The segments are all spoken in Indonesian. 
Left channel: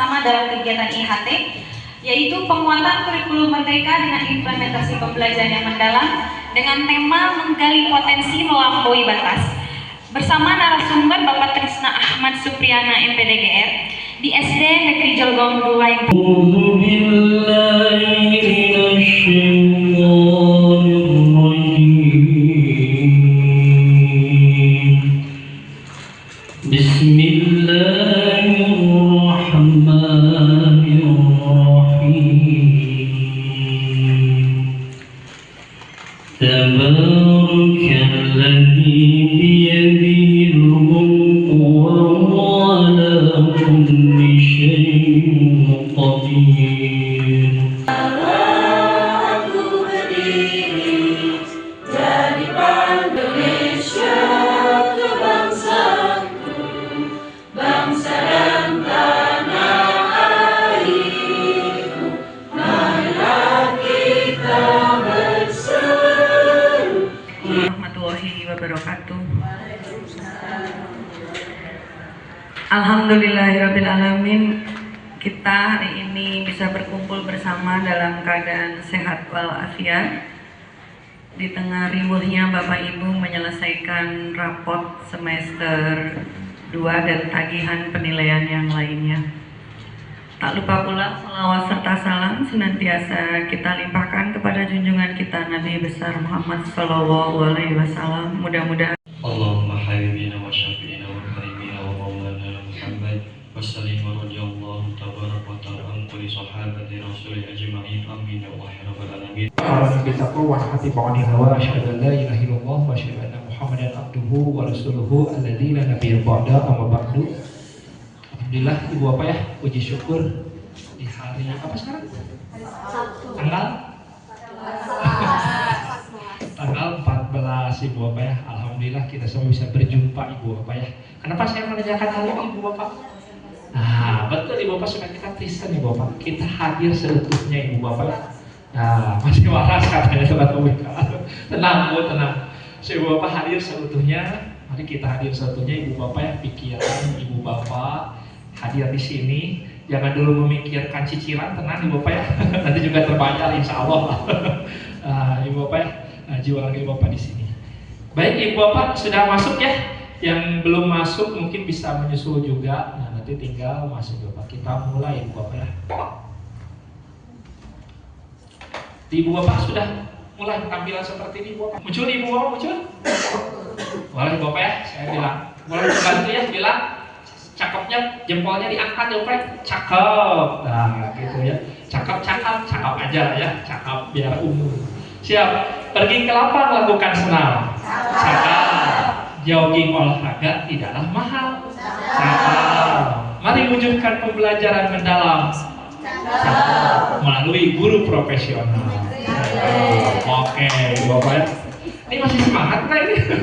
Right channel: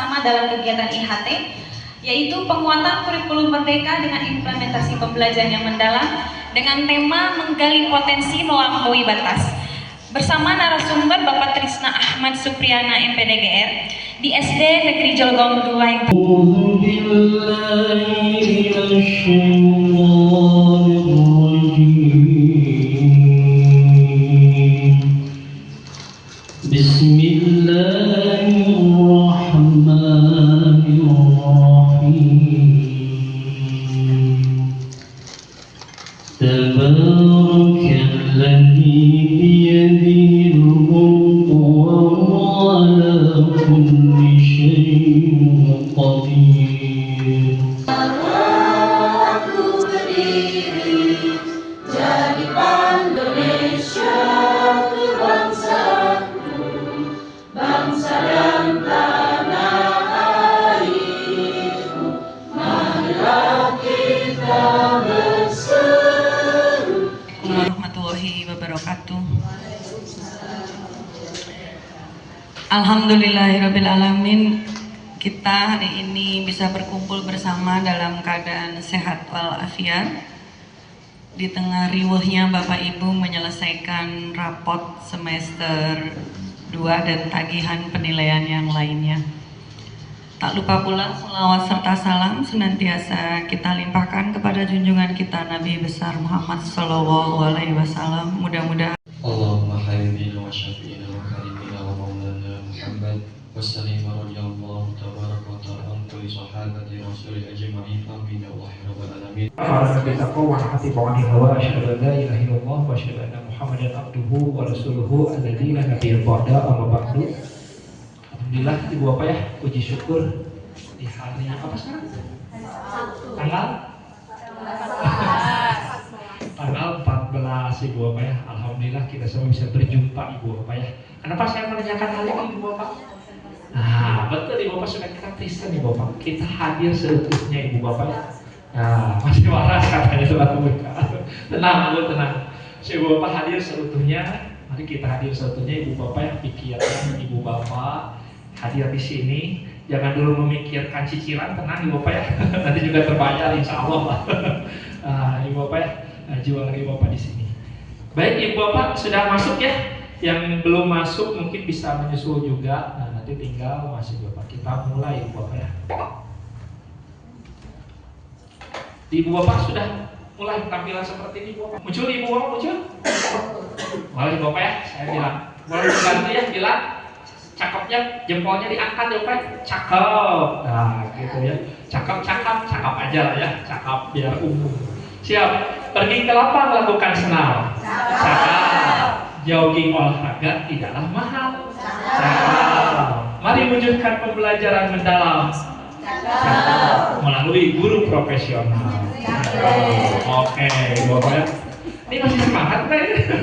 bersama dalam kegiatan IHT, yaitu penguatan kurikulum merdeka dengan implementasi pembelajaran yang mendalam dengan tema menggali potensi melampaui batas. Bersama narasumber Bapak Trisna Ahmad Supriyana MPDGR di SD Negeri Jelgong 2 yang Alhamdulillahirrabbilalamin, kita hari ini bisa berkumpul bersama dalam keadaan sehat walafiat di tengah riuhnya Bapak Ibu menyelesaikan rapot semester 2 dan tagihan penilaian yang lainnya. Tak lupa pula selawat serta salam senantiasa kita limpahkan kepada junjungan kita Nabi besar Muhammad SAW. Mudah-mudahan Allahumma habibina wa syafi'ina wa karimina wa maulana Muhammad wassalim wa radiyallahu tabarak wa ta'ala an kulli sahabati rasulih ajma'in amin ya Allah rabbal alamin. Wa hati ba'ani hawa asyhadu an la ilaha illallah wa asyhadu anna Muhammadan abduhu wa rasuluhu alladzi la nabiyya ba'da amma ba'du. Alhamdulillah Ibu Bapak ya, puji syukur di hari apa sekarang? Tanggal 14 Ibu Bapak ya. Alhamdulillah kita semua bisa berjumpa Ibu Bapak ya. Kenapa saya menanyakan hal ini Ibu Bapak? Nah, betul Ibu Bapak, sudah kita Kristen Ibu Bapak. Kita hadir seutuhnya Ibu Bapak. Nah, masih waras katanya surat pembukaan. Tenang, Bu, tenang. Ibu Bapak hadir seutuhnya. Mari kita hadir seutuhnya Ibu Bapak ya. Pikiran Ibu Bapak hadir di sini. Jangan dulu memikirkan cicilan, tenang Ibu Bapak ya. Nanti juga terbayar insya Allah. Ibu Bapak ya, jiwa Ibu Bapak di sini. Baik Ibu Bapak sudah masuk ya. Yang belum masuk mungkin bisa menyusul juga. Nah, nanti tinggal masuk Bapak. Kita mulai Ibu Bapak ya. Ibu Bapak sudah mulai tampilan seperti ini Ibu Bapak. Muncul Ibu Bapak, muncul. Boleh Ibu Bapak ya, saya bilang. Boleh bantu ya, bilang. Cakepnya jempolnya diangkat ya Pak. Cakep. Nah, gitu ya. Cakep aja ya. Cakep biar umum. Siap. Pergi ke lapang lakukan senam. Cakep. Jogging olahraga tidaklah mahal. Cakep. Mari wujudkan pembelajaran mendalam. Cakep. Melalui guru profesional. Oke, Bapak ya. Ini masih semangat Pak ini?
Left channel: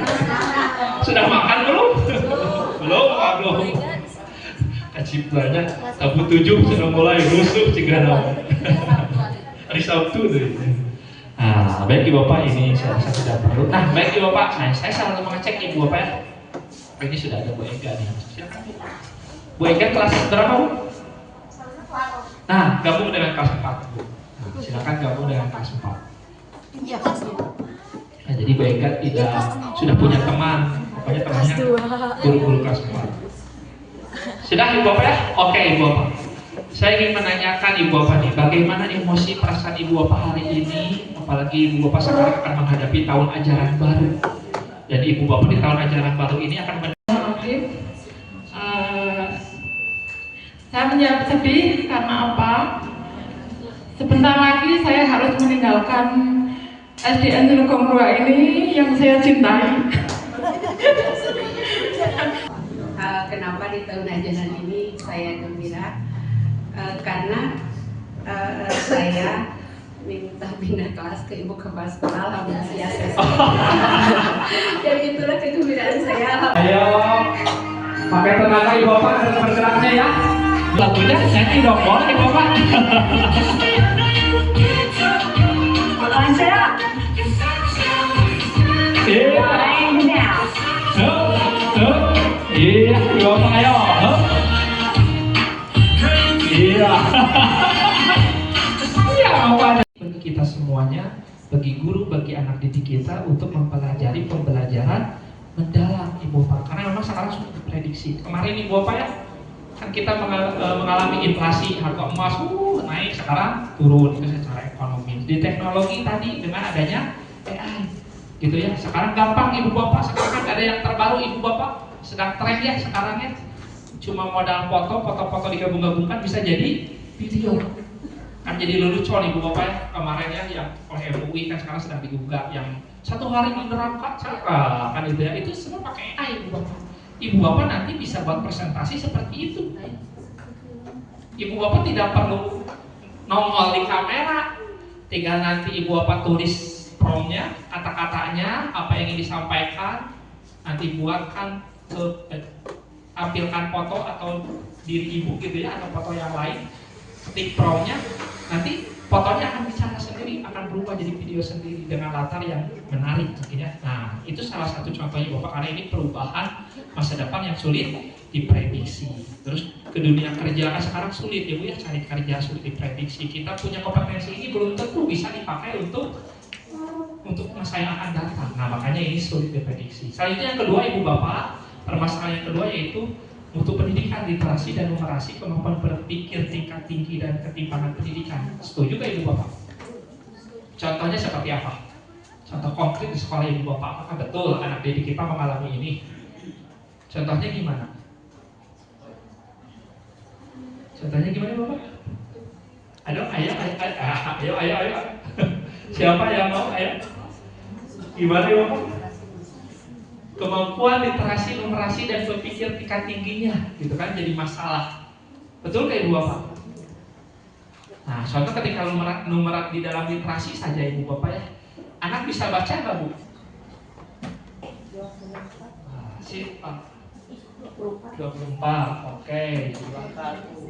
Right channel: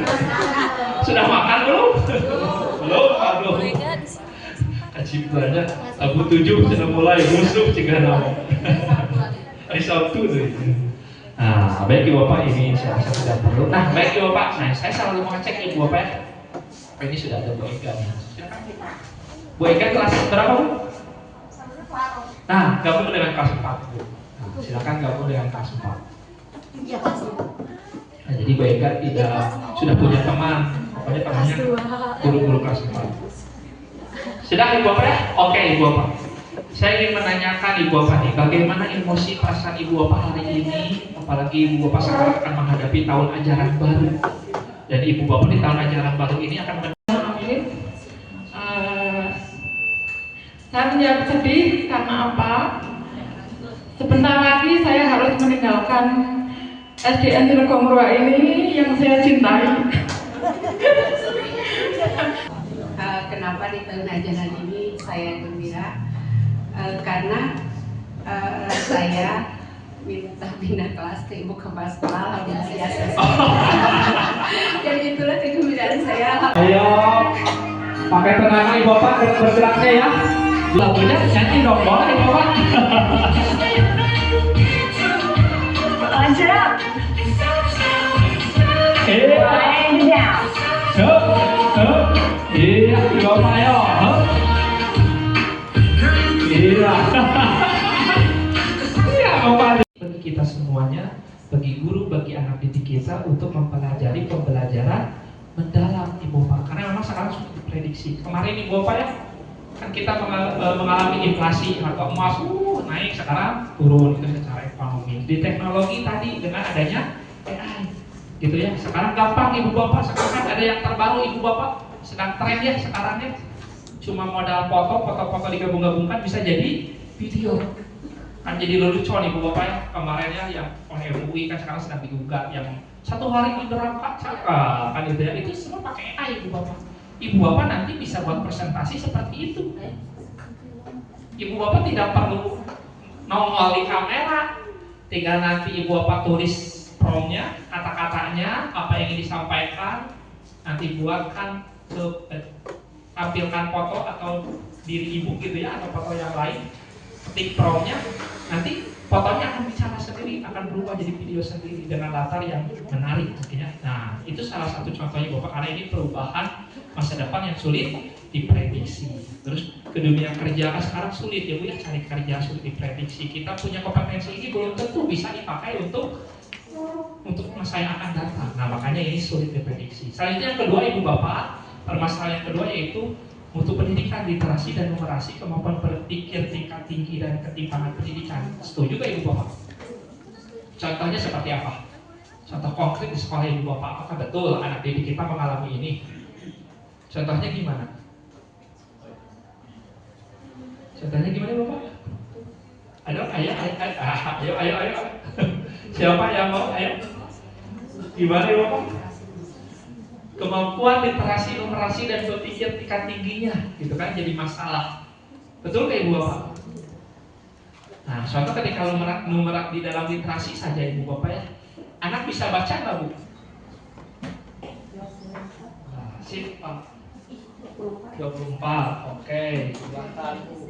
Sudah makan belum? Belum. Kaciptanya Abu 7 sudah mulai musuh cegah nama. Hari Sabtu tuh. Nah, baik Ibu Bapak, ini saya rasa sudah perlu. Nah, baik Ibu Bapak, nah saya selalu mengecek Ibu Bapak ya. Ini sudah ada Bu Ega nih. Bu Ega kelas berapa Bu? Nah, gabung dengan kelas 4 Bu. Nah, silakan gabung dengan kelas 4. Nah, jadi Bu Ega sudah punya teman, pokoknya temannya guru-guru kelas 4. Sudah Ibu Bapak ya? Oke Ibu Bapak. Saya ingin menanyakan Ibu Bapak nih, bagaimana emosi perasaan Ibu Bapak hari ini, apalagi Ibu Bapak sekarang akan menghadapi tahun ajaran baru. Dan Ibu Bapak di tahun ajaran baru ini akan saya menjawab sedih karena apa? Sebentar lagi saya harus meninggalkan SDN Jelgong 2 ini yang saya cintai. Kenapa di tahun ajaran ini saya gembira? Karena saya minta pindah kelas ke ibu kepala sekolah, alhamdulillah saya selesai. Jadi itulah kegembiraan saya. Ayo, pakai tenaga Ibu Bapak bergeraknya ya. Lagunya nyanyi dong, boleh Ibu Bapak. lanjut. Iya. Iya, Ibu Bapak ayo. Bapak bagi kita semuanya, bagi guru, bagi anak didik kita untuk mempelajari pembelajaran mendalam Ibu Bapak. Karena memang sekarang sudah diprediksi. Kemarin Ibu Bapak ya, kan kita mengalami inflasi, harga emas naik, sekarang turun, itu secara ekonomi. Di teknologi tadi dengan adanya AI, gitu ya. Sekarang gampang Ibu Bapak, sekarang kan ada yang terbaru Ibu Bapak, sedang tren ya sekarang ya. Cuma modal foto digabung-gabungkan bisa jadi video. Kan jadi lelucon Ibu Bapak ya, kemarin ya yang oleh MUI kan sekarang sedang digugat yang 1 hari menerapkan kan itu ya, itu semua pakai AI Ibu Bapak. Ibu Bapak nanti bisa buat presentasi seperti itu. Ibu Bapak tidak perlu nongol di kamera, tinggal nanti Ibu Bapak tulis promptnya, kata-katanya, apa yang ingin disampaikan, nanti buatkan tampilkan foto atau diri Ibu gitu ya, atau foto yang lain, ketik promptnya, nanti fotonya akan bicara sendiri, akan berubah jadi video sendiri dengan latar yang menarik mungkin ya. Nah, itu salah satu contohnya Bapak, karena ini perubahan masa depan yang sulit diprediksi. Terus ke dunia kerja kan sekarang sulit ya Bu ya, cari kerja sulit diprediksi. Kita punya kompetensi ini belum tentu bisa dipakai untuk masa yang akan datang. Nah, makanya ini sulit diprediksi. Selanjutnya yang kedua Ibu Bapak, permasalahan yang kedua yaitu mutu pendidikan, literasi dan numerasi, kemampuan berpikir tingkat tinggi dan ketimpangan pendidikan. Setuju gak Ibu Bapak? Contohnya seperti apa? Contoh konkret di sekolah Ibu Bapak, apakah betul anak didik kita mengalami ini? Contohnya gimana? Contohnya gimana Bapak? Ayo. Siapa yang mau? Ayo. Gimana Bapak? Kemampuan literasi, numerasi dan berpikir tingkat tingginya, gitu kan, jadi masalah. Betul kayak Ibu Bapak? Nah, contoh ketika numerat di dalam literasi saja Ibu Bapak ya, anak bisa baca nggak Bu? Nah, sip, 24, oke, silakan Bu.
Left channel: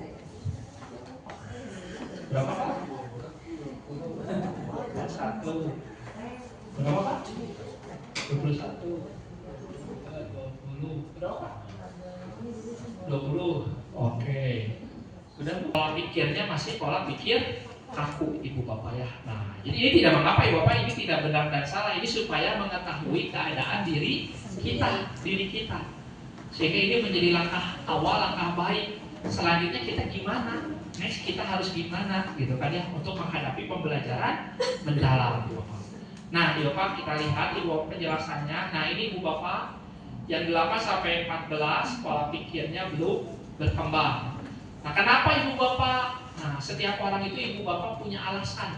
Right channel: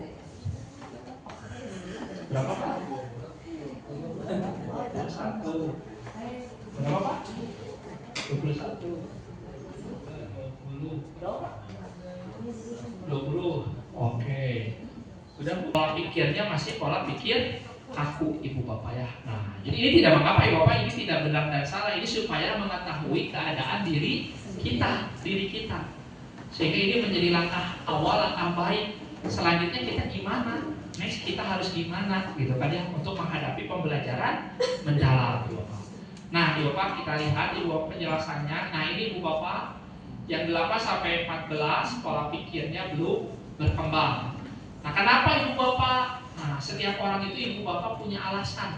Berapa Pak? 21. Berapa Pak? 21. 20. Oke. Sudah pola pikirnya masih pola pikir kaku Ibu Bapak ya. Nah, jadi ini tidak mengapa Ibu Bapak, ini tidak benar dan salah. Ini supaya mengetahui keadaan diri kita. Sehingga ini menjadi langkah awal, langkah baik. Selanjutnya kita gimana? Next kita harus gimana gitu kan ya, untuk menghadapi pembelajaran mendalam Ibu Bapak. Nah, Ibu Bapak kita lihat Ibu Bapak penjelasannya. Nah, ini Ibu Bapak yang 8 sampai 14 pola pikirnya belum berkembang. Nah, kenapa Ibu Bapak? Nah, setiap orang itu Ibu Bapak punya alasan.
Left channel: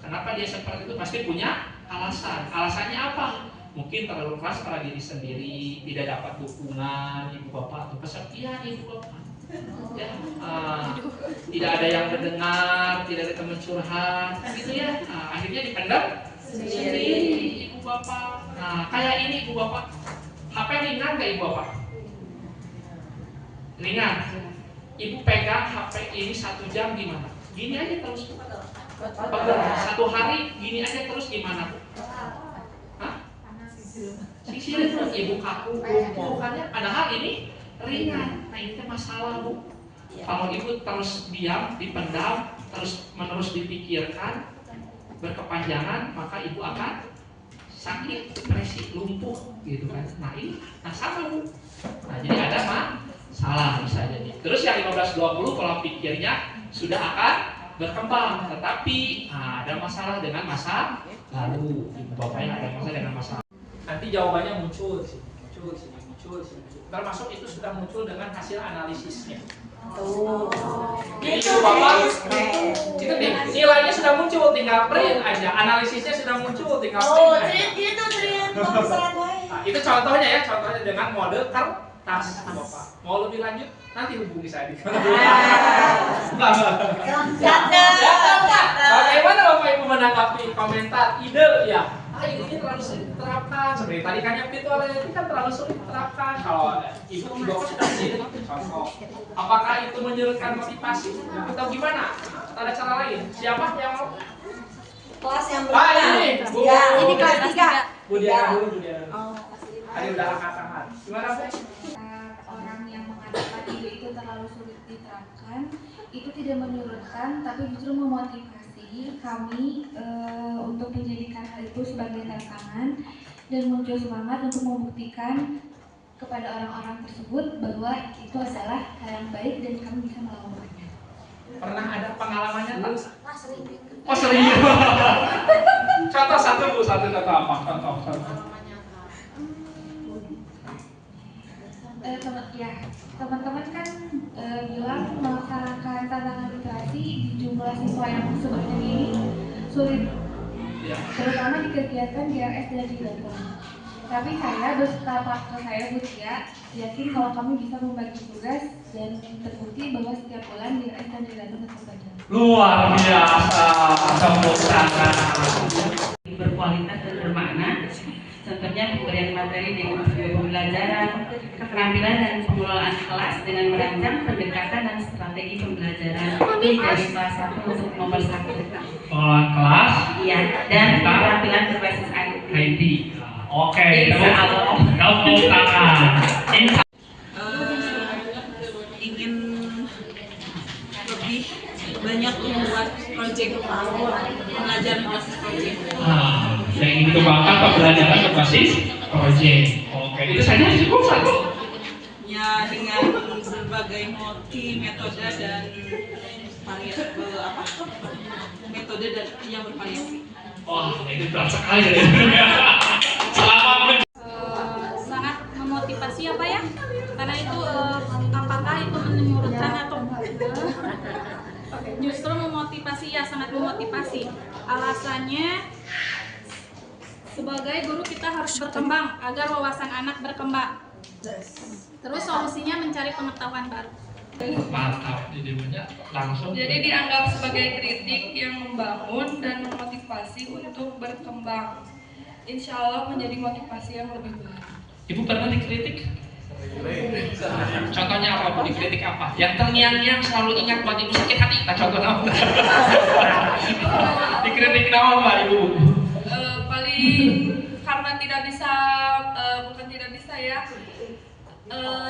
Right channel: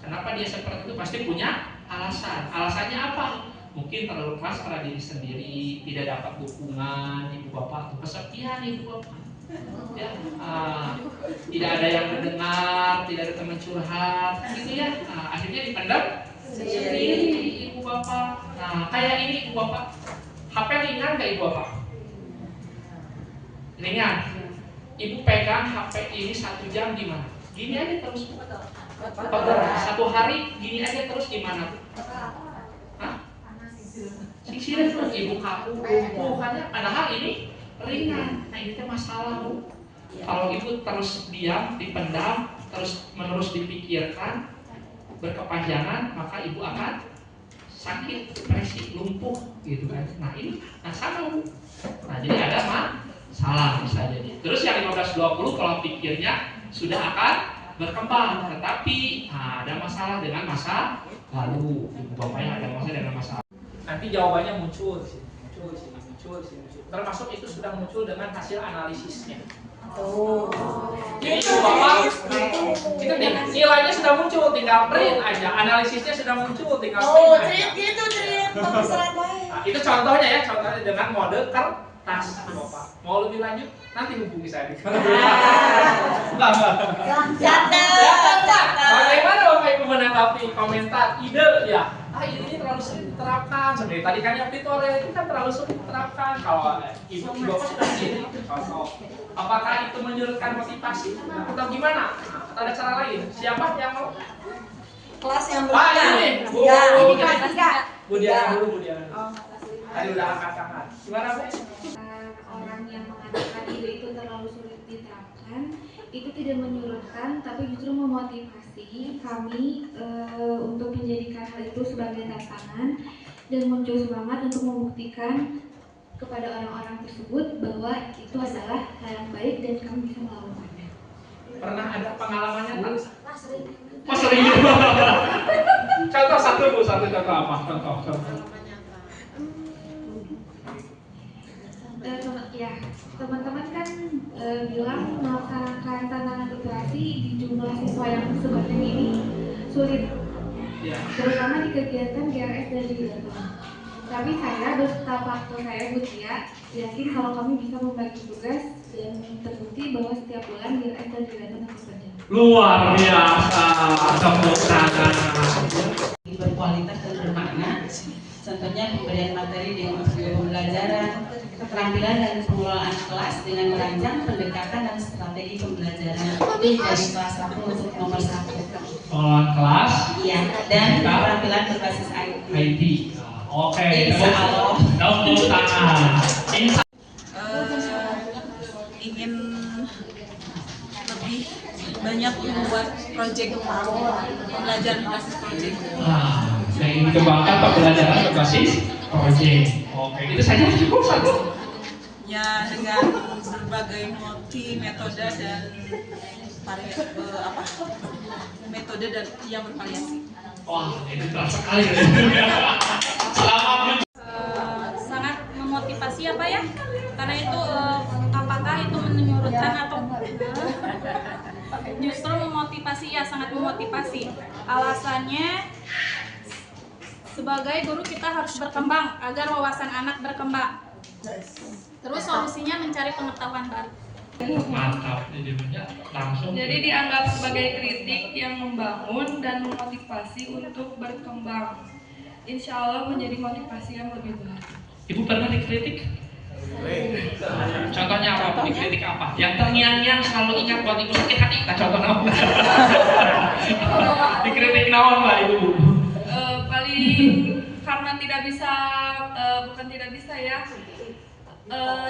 Kenapa dia seperti itu? Pasti punya alasan. Alasannya apa? Mungkin terlalu keras pada diri sendiri, tidak dapat dukungan Ibu Bapak, atau kesepian Ibu Bapak. Ya, tidak ada yang mendengar, tidak ada teman curhat, gitu ya. Nah, akhirnya dipendam sendiri Ibu Bapak. Nah, kayak ini Ibu Bapak. HP ringan gak Ibu Bapak? Ringan. Ibu pegang HP ini 1 jam gimana? Gini aja terus. Pegang 1 hari gini aja terus gimana? Hah? Sisir Ibu kaku, bukannya padahal ini ringan. Nah, ini tuh masalah Bu. Kalau Ibu terus diam, dipendam, terus menerus dipikirkan berkepanjangan, maka Ibu akan sakit, depresi, lumpuh gitu kan. Nah, ini salah Bu. Nah, jadi ada salah bisa jadi. Terus yang 15-20 pola pikirnya sudah akan berkembang, tetapi ada masalah dengan masa lalu. Ibu Bapaknya ada masalah dengan masa lalu. Nanti jawabannya muncul. Termasuk itu sudah muncul dengan hasil analisisnya. Jadi Ibu Bapak, itu nilainya sudah muncul, tinggal print aja. Analisisnya sudah muncul, tinggal print aja. Nah, itu contohnya ya, contohnya dengan mode kertas Bapak. Mau lebih lanjut, nanti hubungi saya di Bagaimana Bapak Ibu menanggapi komentar, ide ya? Ini terlalu sulit diterapkan. Sebenarnya tadi kan yang tutorial itu kan terlalu sulit diterapkan. Kalau Ibu Bapak sudah sendiri contoh. Apakah itu menyurutkan motivasi atau gimana? Atau ada cara lain? Siapa yang mau? Kelas yang ini Bu. ini kelas 3. Bu Diana dulu. Tadi udah angkat tangan. Gimana Bu? Orang yang mengatakan ide itu terlalu sulit diterapkan, itu tidak menyurutkan tapi justru memotivasi. pasti kami untuk menjadikan hal itu sebagai tantangan dan muncul semangat untuk membuktikan kepada orang-orang tersebut bahwa itu adalah hal yang baik dan kami bisa melakukannya. Pernah ada pengalamannya tak? Sering. Oh sering. Contoh satu Bu, satu contoh apa? Contoh. Teman-teman kan bilang melaksanakan tantangan literasi di jumlah siswa yang sebenarnya ini sulit, terutama di kegiatan GRS dan Dilaton. Tapi saya beserta partner saya Butia yakin kalau kami bisa membagi tugas dan terbukti bahwa setiap bulan GRS dan Dilaton akan berjalan. Luar biasa, tepuk tangan. Berkualitas dan bermakna. Contohnya pemberian materi dengan metode pembelajaran, keterampilan dan pengelolaan kelas dengan merancang pendekatan dan strategi pembelajaran dari kelas 1 untuk nomor 1. Pengelolaan kelas. Iya, dan keterampilan berbasis IT. Oke, Insya Allah. tepuk tangan. Ingin lebih banyak membuat proyek pembelajaran berbasis proyek. Yang ingin dikembangkan pembelajaran berbasis proyek. Oke, itu saja cukup satu. Ya, dengan berbagai metode dan metode dan yang bervariasi. Wah, itu berat sekali. Selamat. Sangat memotivasi ya Pak ya, karena itu apakah itu menyurutkan atau justru memotivasi, ya sangat memotivasi. Alasannya sebagai guru kita harus berkembang agar wawasan anak berkembang. Terus solusinya mencari pengetahuan baru. Mantap, jadinya langsung. Jadi dianggap sebagai kritik yang membangun dan memotivasi untuk berkembang. Insya Allah menjadi motivasi yang lebih baik. Ibu pernah dikritik? Contohnya apa Bu? Dikritik apa? Yang terngiang-ngiang selalu ingat buat ibu sakit hati. Nah, contohnya apa? Dikritik naon Mbak Ibu? Paling karena tidak bisa, bukan tidak bisa ya.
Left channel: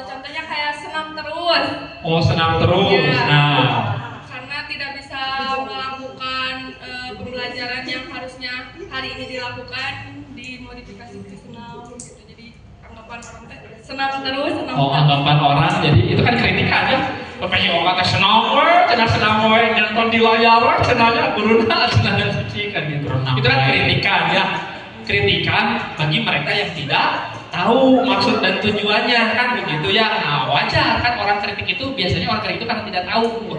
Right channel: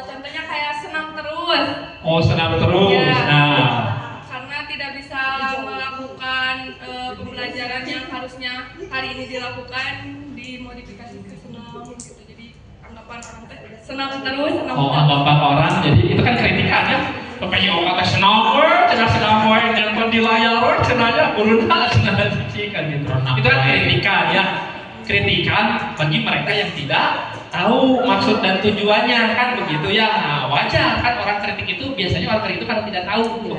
Contohnya kayak senam terus. Oh, senam terus. Ya, Nah, karena tidak bisa melakukan pembelajaran yang harusnya hari ini dilakukan, dimodifikasi ke senam gitu. Jadi anggapan orang teh senam terus, senam oh, terus. anggapan orang, jadi itu kan kritikan ya. Makanya orang kata senam we, nonton di layar we, cenanya guruna cenah kan gitu. Itu kan kritikan ya. Kritikan bagi mereka yang tidak tahu maksud dan tujuannya, kan begitu ya. Nah, wajar kan orang kritik itu biasanya orang kritik itu karena tidak tahu.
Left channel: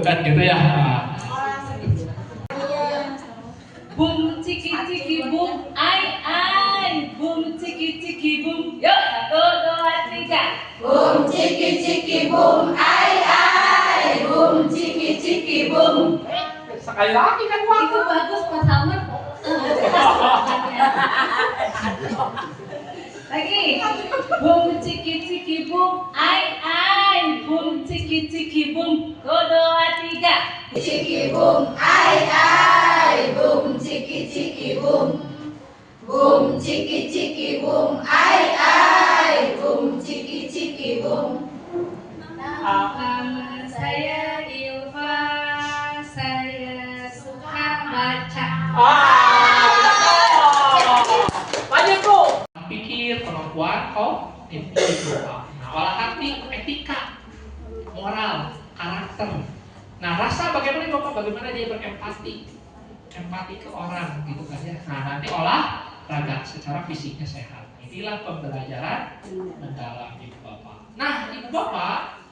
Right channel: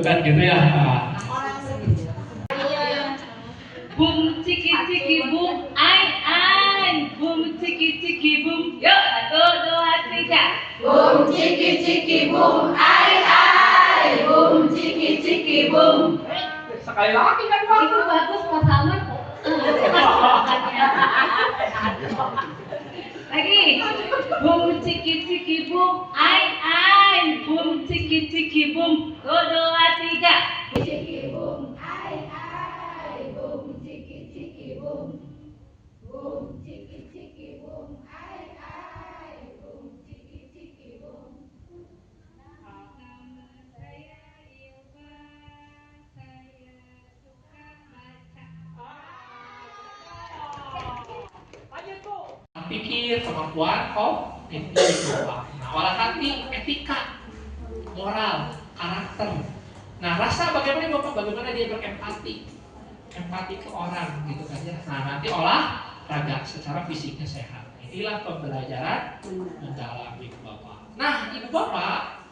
Kan gitu ya. Bum ciki ciki bum ai ai, bum ciki ciki bum. Yuk, 1, 2, 3. Bum ciki ciki bum ai ai, bum ciki ciki bum. Sekali lagi kan Pak. Itu bagus pertama. Lagi. Bum ciki ciki bum ai ai, bum ciki ciki bum. 1, 2, 3. Ciki bum ai ai, bum ciki ciki bum. Bum ciki ciki bum ai ai, bum ciki ciki bum. Nama saya Ilva, saya suka baca. Lanjut Bu. Pikir, kemampuan kognitif. Nah, olah hati, etika, moral, karakter. Nah, rasa bagaimana Bapak? Bagaimana dia berempati? Empati ke orang gitu kan ya. Nah, nanti olahraga secara fisiknya sehat. Inilah pembelajaran mendalam Ibu Bapak. Nah, Ibu Bapak,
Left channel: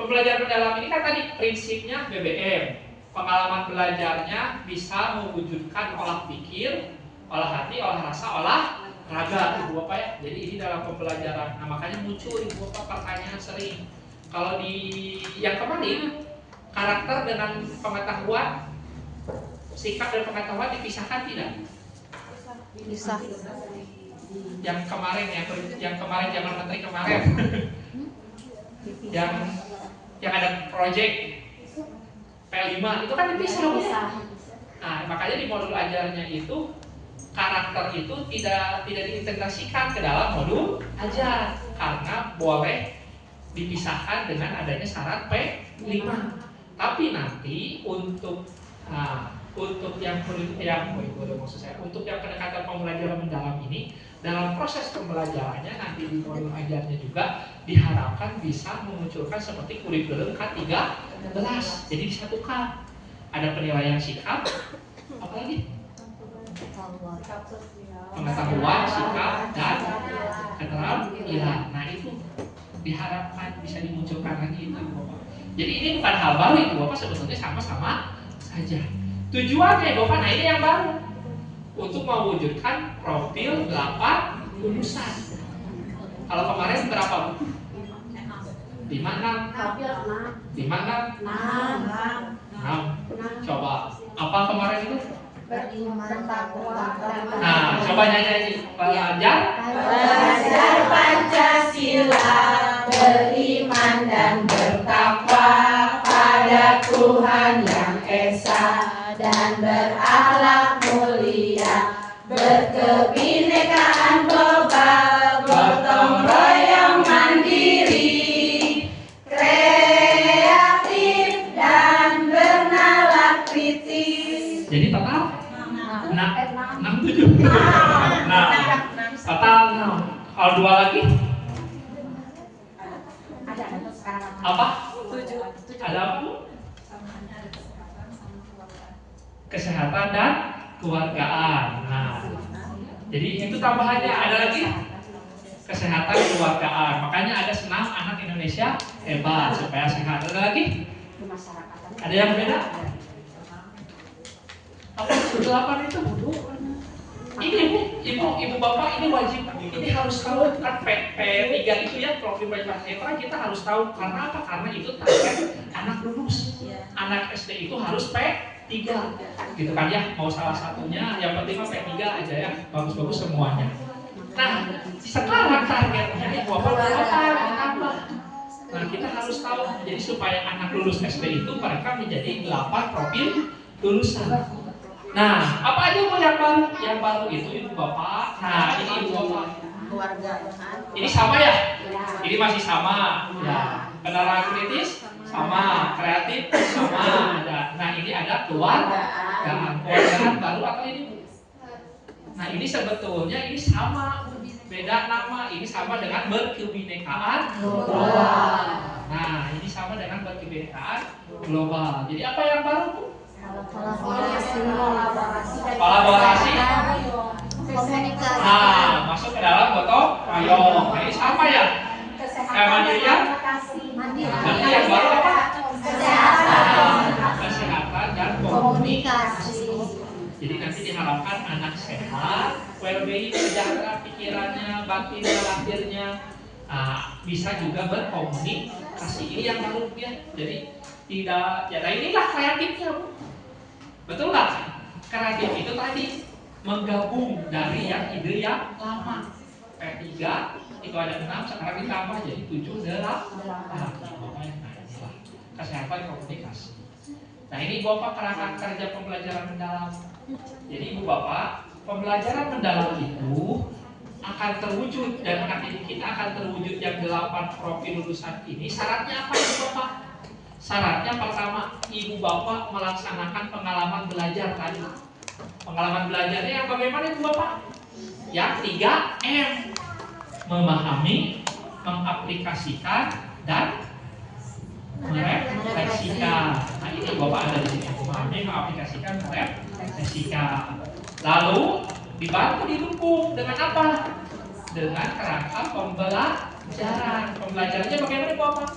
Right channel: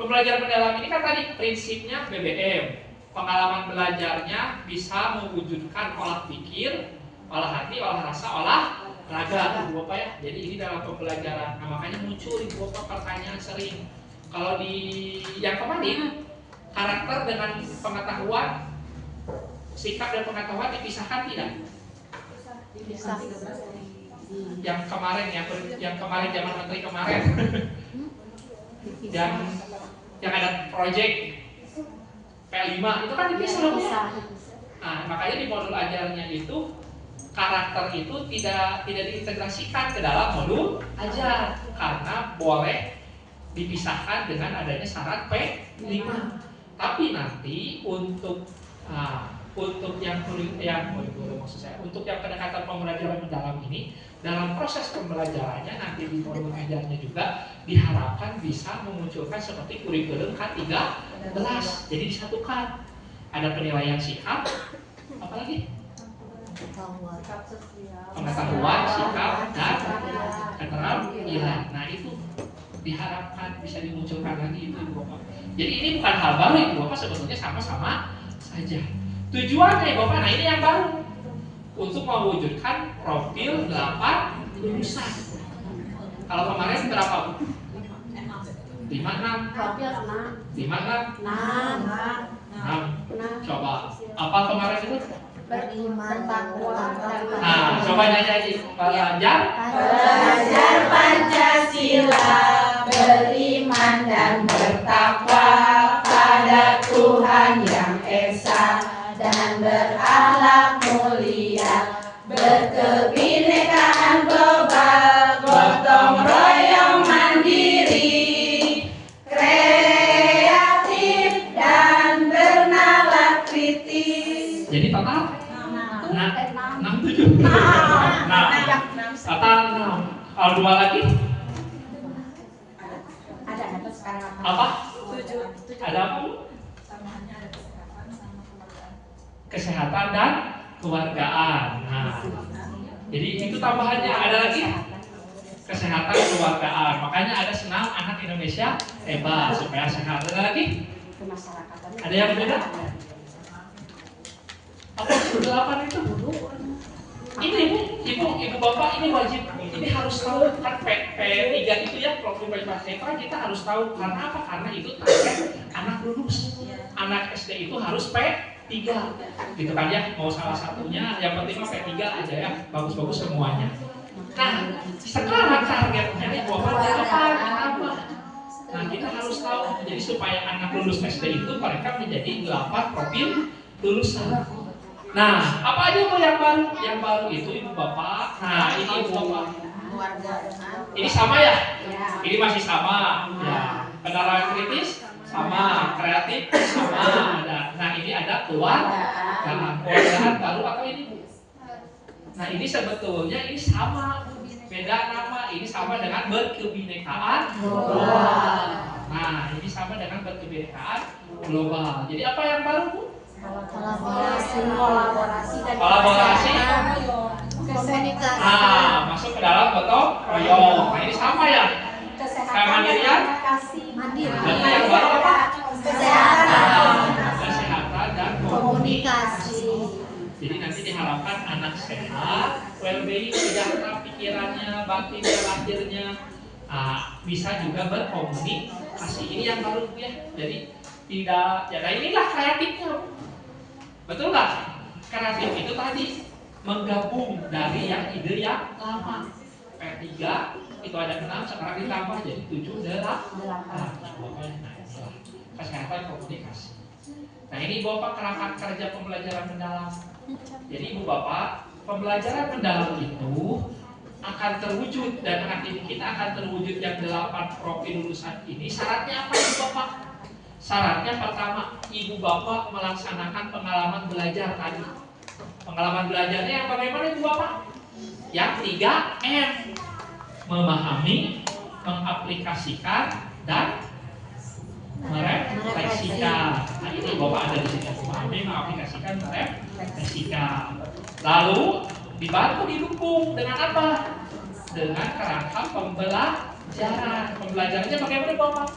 pembelajaran mendalam ini kan tadi prinsipnya BBM. Pengalaman belajarnya bisa mewujudkan olah pikir, olah hati, olah rasa, olah raga Ibu Bapak ya. Jadi ini dalam pembelajaran. Nah, makanya muncul Ibu Bapak pertanyaan sering. Kalau di yang kemarin karakter dengan pengetahuan, sikap dan pengetahuan dipisahkan tidak? Bisa. Yang kemarin zaman menteri kemarin, yang ada proyek P5 itu kan dipisah Bu. Nah, makanya di modul ajarnya itu karakter itu tidak diintegrasikan ke dalam modul ajar karena boleh dipisahkan dengan adanya syarat P5. Tapi nanti untuk yang maksud saya, untuk yang pendekatan pembelajaran mendalam ini, dalam proses pembelajarannya nanti di modul ajarnya juga diharapkan bisa memunculkan seperti kurikulum K13. Jadi disatukan, ada penilaian sikap, apalagi pengetahuan, sikap, dan keterampilan. Nah itu diharapkan bisa dimunculkan lagi itu Ibu Bapak. Jadi ini bukan hal baru Ibu Bapak, sebetulnya sama-sama saja. Tujuannya Ibu Bapak, nah ini yang baru, untuk mewujudkan profil 8 lulusan. Kalau kemarin berapa Bu? 5, 6? 6. Coba, apa kemarin itu? Nah, coba nyanyi. Belajar Pancasila, beriman dan bertakwa pada Tuhan Yang Esa, dan berakhlak mulia, berkebinekaan global, gotong royong mandiri, kreatif dan bernalar kritis. Jadi total 6, 7. Total 6. Kalau 2 lagi? Apa? 7. Ada apa Bu? Kesehatan dan keluargaan. Nah, jadi itu tambahannya. Ada lagi? Kesehatan keluargaan. Makanya ada senam anak Indonesia hebat supaya sehat. Ada lagi? Ada yang beda? Apa 8 itu? Ini ibu bapak ini wajib, ini harus tahu kan P3 itu ya, profil P3 kita harus tahu. Karena apa? Karena itu target anak lulus. Anak SD itu harus P3 gitu kan ya, mau salah satunya, yang penting mah P3 aja ya, bagus-bagus semuanya. Nah sekarang targetnya ibu bapak apa? Nah kita harus tahu, jadi supaya anak lulus SD itu mereka menjadi 8 profil lulusan. Nah, apa aja Bu yang baru? Yang baru itu Ibu Bapak. Nah, ini Ibu Bapak. Keluargaan. Ini sama ya? Ini masih sama. Ya. Penalaran kritis sama, kreatif sama ada. Nah, ini ada keluargaan. Keluargaan baru apa ini Bu? Nah, ini sebetulnya ini sama. Beda nama, ini sama dengan berkebinekaan global. Nah, ini sama dengan berkebinekaan global. Jadi apa yang baru Bu? Kolaborasi, komunikasi. Nah, masuk ke dalam gotong royong. Nah, ini sama ya? Kemandirian? Berarti yang baru apa? Kesehatan dan komunikasi. Jadi nanti diharapkan anak sehat, well-being, sejahtera pikirannya, batinnya, lahirnya, bisa juga berkomunikasi. Ini yang baru ya. Jadi tidak, ya inilah kreatifnya. Betul nggak? Kreatif itu tadi menggabung dari yang ide yang lama. P3 itu ada 6, sekarang ditambah jadi 7, 8. Nah, inilah kesehatan komunikasi. Nah ini Bapak kerangka kerja pembelajaran mendalam. Jadi Ibu Bapak, pembelajaran mendalam itu akan terwujud dan anak didik kita akan terwujud yang 8 profil lulusan ini. Syaratnya apa Ibu Bapak? Syaratnya pertama, Ibu Bapak melaksanakan pengalaman belajar tadi. Pengalaman belajarnya yang bagaimana Ibu Bapak? Yang 3M. Memahami, mengaplikasikan, dan merefleksikan. Nah ini Bapak ada di sini. Memahami, mengaplikasikan, merefleksikan. Lalu dibantu didukung dengan apa? Dengan kerangka pembelajaran. Pembelajarannya bagaimana Bapak?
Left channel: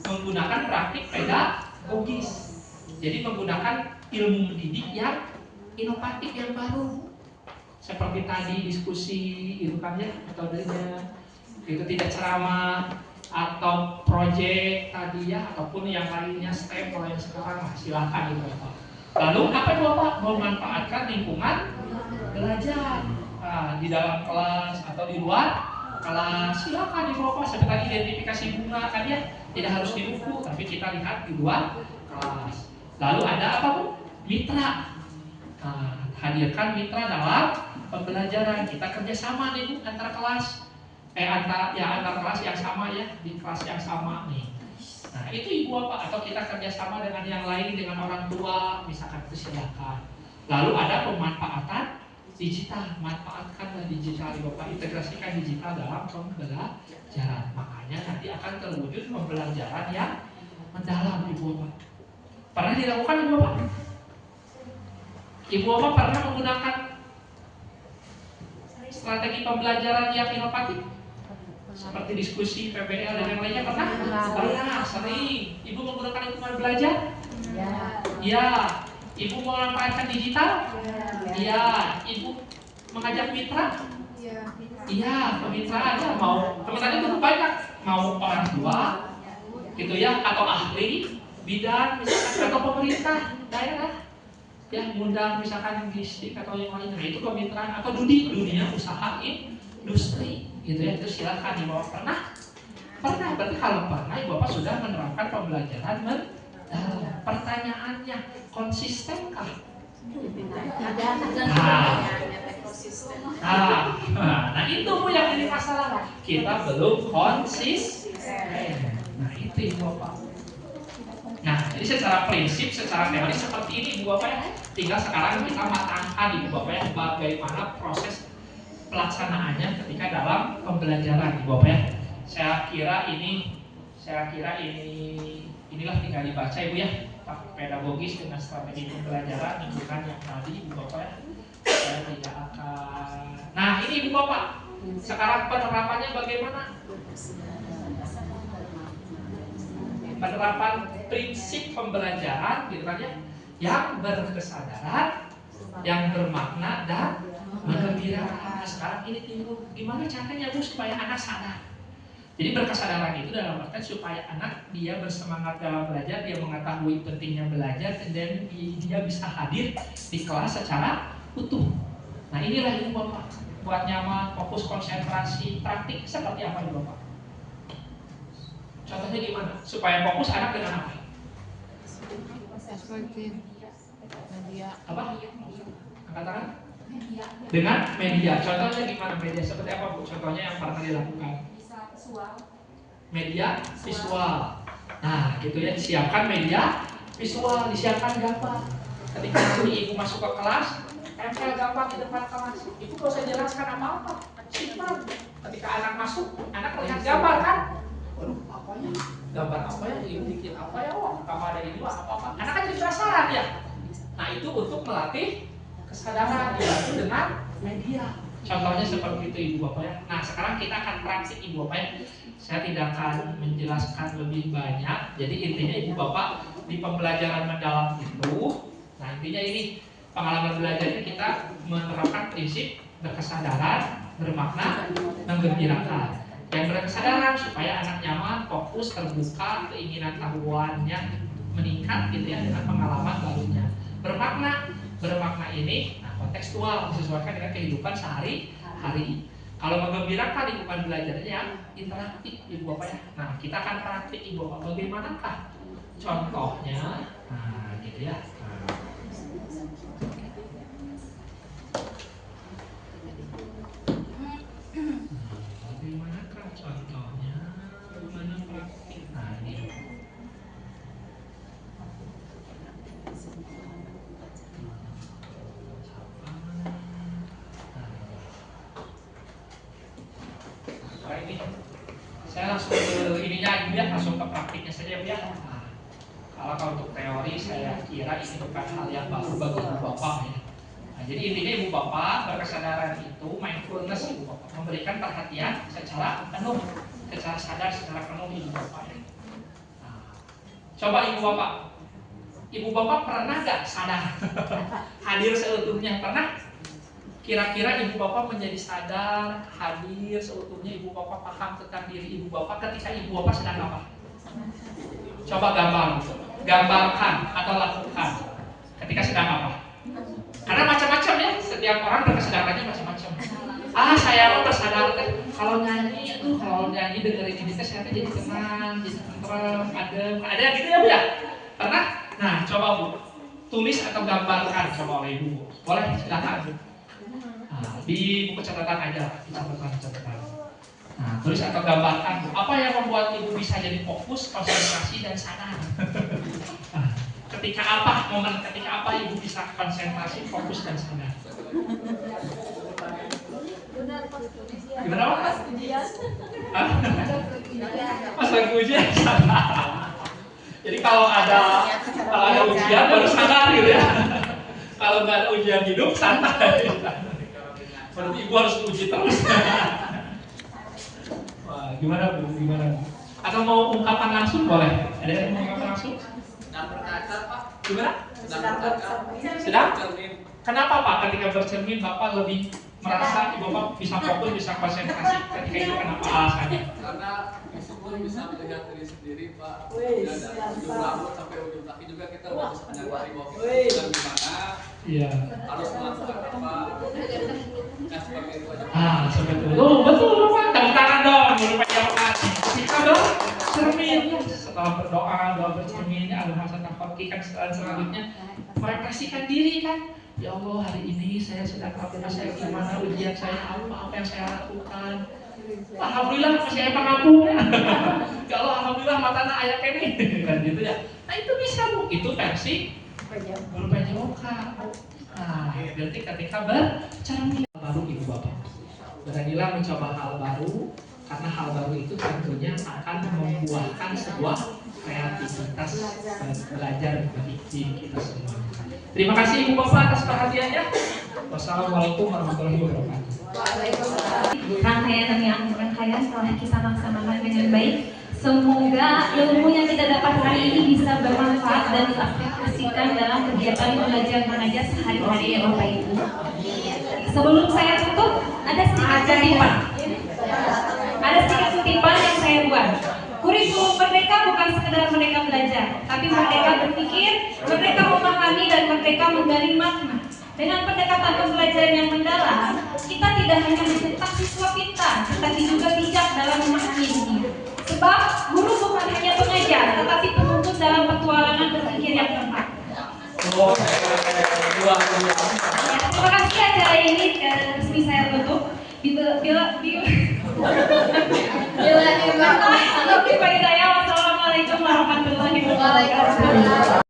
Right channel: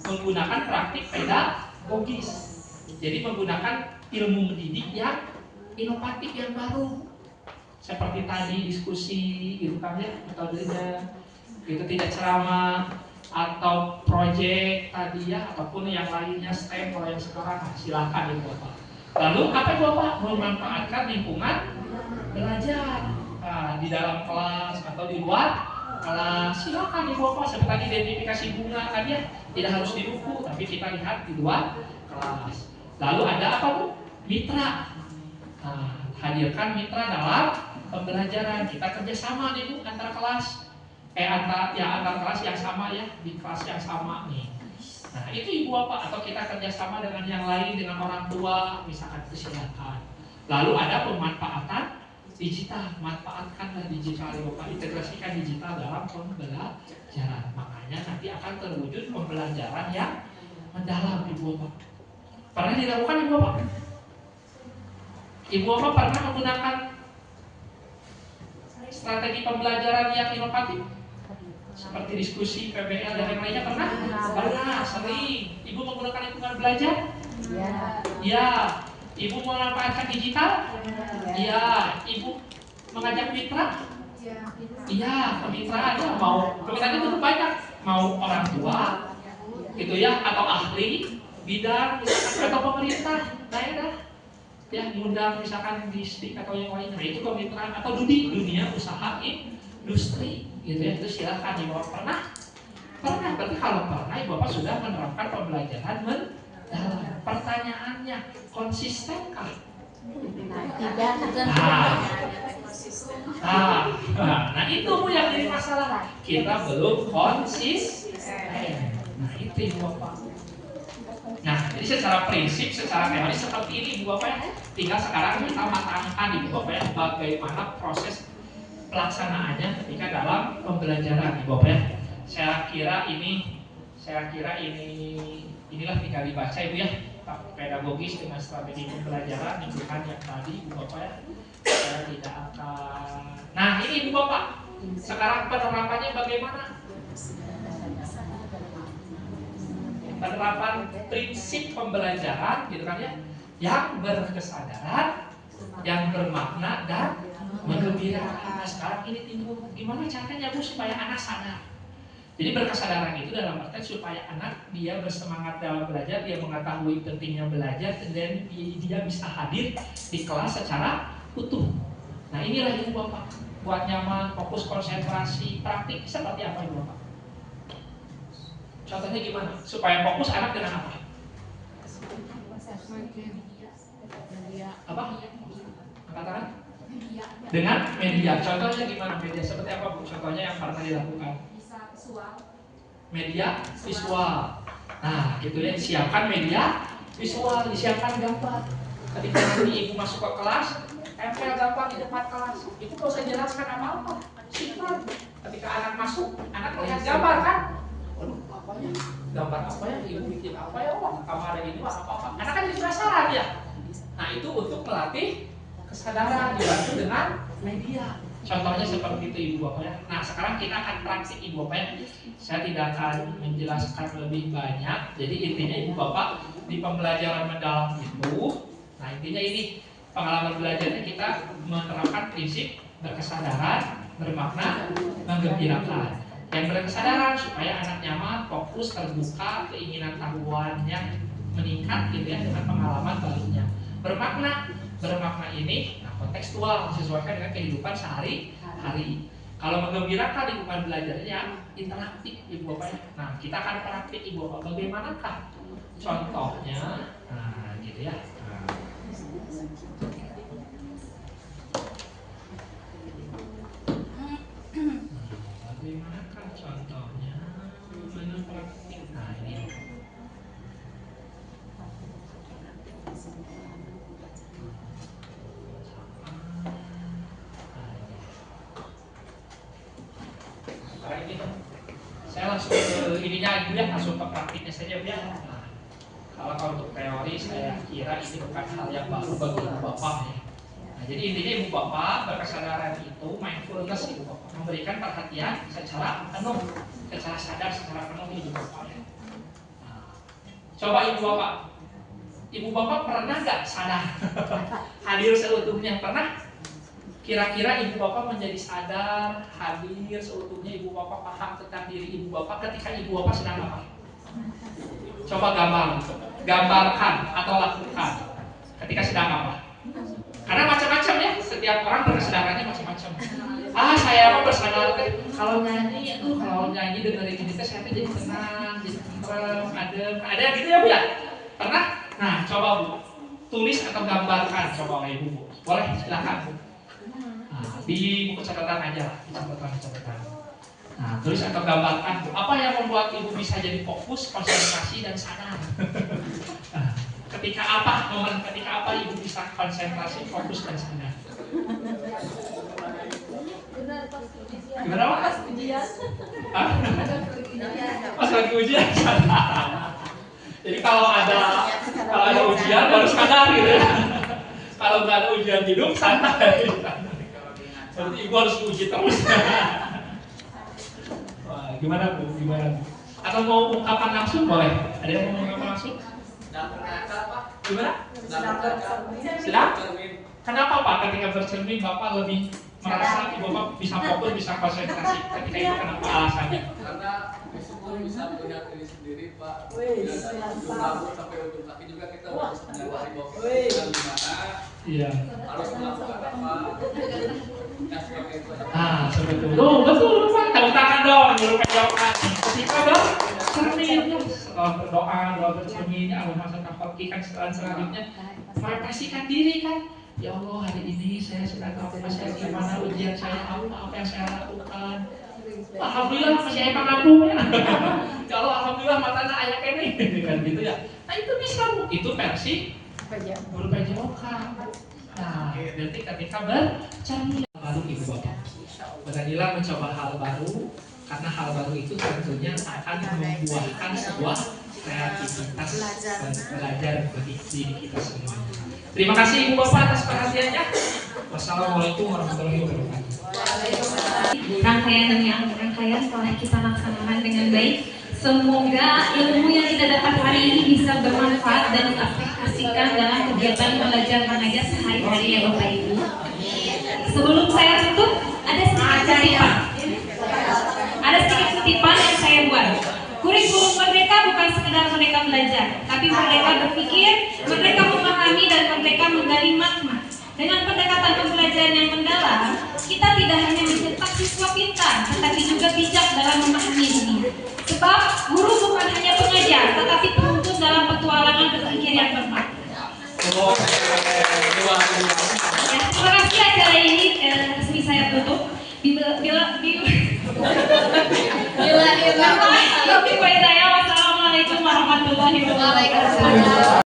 Menggunakan praktik pedagogis. Jadi menggunakan ilmu mendidik yang inovatif, yang baru. Seperti tadi diskusi gitu kan ya, metodenya. Itu tidak ceramah atau proyek tadi ya, ataupun yang lainnya STEM kalau yang sekarang silahkan itu Bapak. Lalu apa Bapak? Memanfaatkan lingkungan belajar di dalam kelas atau di luar kelas, silakan Ibu Bapak. Seperti tadi identifikasi bunga kan ya, tidak harus di buku, tapi kita lihat di luar kelas. Lalu ada apa Bu? Mitra. Hadirkan mitra dalam pembelajaran. Kita kerjasama nih Bu, antar kelas, antar kelas yang sama ya, di kelas yang sama nih. Nah itu ibu bapak, atau kita kerjasama dengan yang lain, dengan orang tua, misalkan itu silakan. Lalu ada pemanfaatan digital, manfaatkanlah digital ibu bapak, integrasikan digital dalam pembelajaran. Makanya nanti akan terwujud pembelajaran yang mendalam ibu bapak. Pernah dilakukan ibu bapak? Ibu bapak pernah menggunakan strategi pembelajaran yang inovatif? Seperti diskusi, PBL, dan yang lainnya pernah? Pernah, sering. Ibu menggunakan hitungan belajar? Iya. Ibu memanfaatkan digital? Iya. Ibu mengajak mitra? Iya, kemitraan. Ya, mau kemitraan itu banyak. Mau orang tua, gitu ya, atau ahli bidang, misalkan, atau pemerintah daerah. Ya, ngundang misalkan distrik atau yang lainnya. Itu kemitraan atau dunia usaha industri. Gitu ya, itu silahkan ibu bapak. Pernah, berarti kalau pernah ibu bapak sudah menerapkan pembelajaran mendalam. Pertanyaannya, konsistenkah? Nah itu Bu yang jadi masalah, kita belum konsisten. Nah itu ibu bapak. Nah jadi secara prinsip, secara teori seperti ini ibu bapak. Tinggal sekarang kita matangkan ibu bapak ya, bagaimana proses pelaksanaannya ketika dalam pembelajaran ibu bapak ya. Saya kira inilah tinggal dibaca ibu ya, pedagogis dengan strategi pembelajaran bukan yang tadi ibu bapak ya. Saya tidak akan. Nah ini ibu bapak, sekarang penerapannya bagaimana? Penerapan prinsip pembelajaran gitu kan ya, yang berkesadaran, yang bermakna dan menggembirakan. Nah, sekarang ini timbul gimana caranya Bu supaya anak sadar. Jadi berkesadaran itu dalam arti supaya anak dia bersemangat dalam belajar, dia mengetahui pentingnya belajar, dan dia bisa hadir di kelas secara utuh. Nah inilah ibu bapak, buat nyaman, fokus, konsentrasi, praktik seperti apa ibu bapak? Contohnya gimana? Supaya fokus anak dengan apa? Apa? Angkat tangan? Dengan media. Contohnya gimana media? Seperti apa Bu? Contohnya yang pernah dilakukan? Media visual. Nah, gitu ya, disiapkan media visual, disiapkan gambar. Ketika nanti ibu masuk ke kelas, tempel gambar di depan kelas. Ibu gak usah jelaskan apa-apa. Simpan. Ketika anak masuk, anak melihat gambar kan? Waduh, apanya? Gambar apa ya? Ibu bikin apa ya? Wah, kamar ini apa-apa. Anak kan jadi penasaran ya. Nah, itu untuk melatih kesadaran dibantu dengan media. Contohnya seperti itu ibu bapak ya. Nah sekarang kita akan praktik ibu bapak ya. Saya tidak akan menjelaskan lebih banyak. Jadi intinya ibu bapak di pembelajaran mendalam itu, nah intinya ini pengalaman belajarnya kita menerapkan prinsip berkesadaran, bermakna, menggembirakan. Yang berkesadaran supaya anak nyaman, fokus, terbuka, keinginan tahuannya meningkat gitu ya dengan pengalaman barunya. Bermakna ini kontekstual, disesuaikan dengan kehidupan sehari-hari. Kalau menggembirakan lingkungan belajarnya interaktif ibu bapak ya. Nah kita akan praktik ibu bapak bagaimanakah contohnya. Nah gitu ya. Bagaimanakah contohnya? Mana praktik? Nah ini. Saya langsung ke ininya ibu ya, langsung ke praktiknya saja ya. Nah, kalau untuk teori saya kira ini bukan hal yang baru bagi ibu bapak ya. Nah, jadi intinya ibu bapak berkesadaran itu mindfulness ibu bapak, memberikan perhatian secara penuh, secara sadar, secara penuh ibu bapak ya. Nah, coba ibu bapak pernah nggak sadar hadir seutuhnya? Pernah? Kira-kira ibu bapak menjadi sadar, hadir seutuhnya, ibu bapak paham tentang diri ibu bapak ketika ibu bapak sedang apa? Coba gambarkan atau lakukan ketika sedang apa? Karena macam-macam ya, setiap orang berkesadarannya macam-macam. Saya mau bersadar kalau nyanyi dengerin ini saya jadi tenang, jadi tentrem, adem, ada yang gitu ya Bu ya? Pernah? Nah coba Bu, tulis atau gambarkan coba oleh ibu. Boleh silakan Bu. Di buku catatan aja, di catatan. Nah, tulis atau gambarkan apa yang membuat ibu bisa jadi fokus, konsentrasi, dan sadar. Nah, ketika apa momen ketika apa ibu bisa konsentrasi, fokus, dan sadar? Gimana Pak? Pas ujian. Pas lagi ujian. Jadi kalau ada ujian baru sadar gitu ya. Kalau nggak ada ujian hidup santai. Berarti ibu harus diuji terus. Wah, gimana Bu? Gimana? Atau mau ungkapan langsung boleh? Ada yang mau ungkapan langsung? Gimana? Sedang? Kenapa Pak ketika bercermin Bapak lebih merasa Bapak bisa fokus, bisa konsentrasi ketika itu, kenapa alasannya? Karena meskipun bisa melihat diri sendiri Pak, dari ujung rambut sampai ujung kaki juga kita harus menyadari bahwa dan di mana harus melakukan apa. Nah seperti itu aja. Seperti itu. Betul Pak. Tepuk tangan dong, guru pegang ketika bercermin setelah berdoa, doa bercermin, Allahumma kan selanjutnya merefleksikan diri kan. Ya Allah, hari ini saya sedang apa, saya gimana, ujian saya apa yang saya lakukan. Alhamdulillah masih pengampun. Ya Allah, alhamdulillah matanya ayat ini kan gitu ya. Nah itu bisa Bu, itu versi guru PJOK. Nah, berarti ketika bercermin baru ibu bapak, beranilah mencoba hal baru, karena hal baru itu tentunya akan membuahkan sebuah kreativitas dan belajar bagi diri kita semua. Terima kasih ibu bapak atas perhatiannya. Wassalamualaikum warahmatullahi wabarakatuh. Rangkaian telah kita laksanakan dengan baik. Semoga ilmu yang kita dapat hari ini bisa bermanfaat dan diaplikasikan dalam kegiatan belajar mengajar sehari-hari ya Bapak Ibu. Sebelum saya tutup, ada sedikit kutipan yang saya buat. Kurikulum Merdeka bukan sekedar merdeka belajar, tapi merdeka berpikir, merdeka memahami, dan merdeka menggali makna. Dengan pendekatan pembelajaran yang mendalam, kita tidak hanya mencetak siswa pintar, tetapi juga bijak dalam memahami dunia. Sebab guru bukan hanya pengajar, tetapi penuntun dalam petualangan berpikir yang tepat. Terima kasih acara ini resmi saya tutup. Wassalamualaikum warahmatullahi wabarakatuh.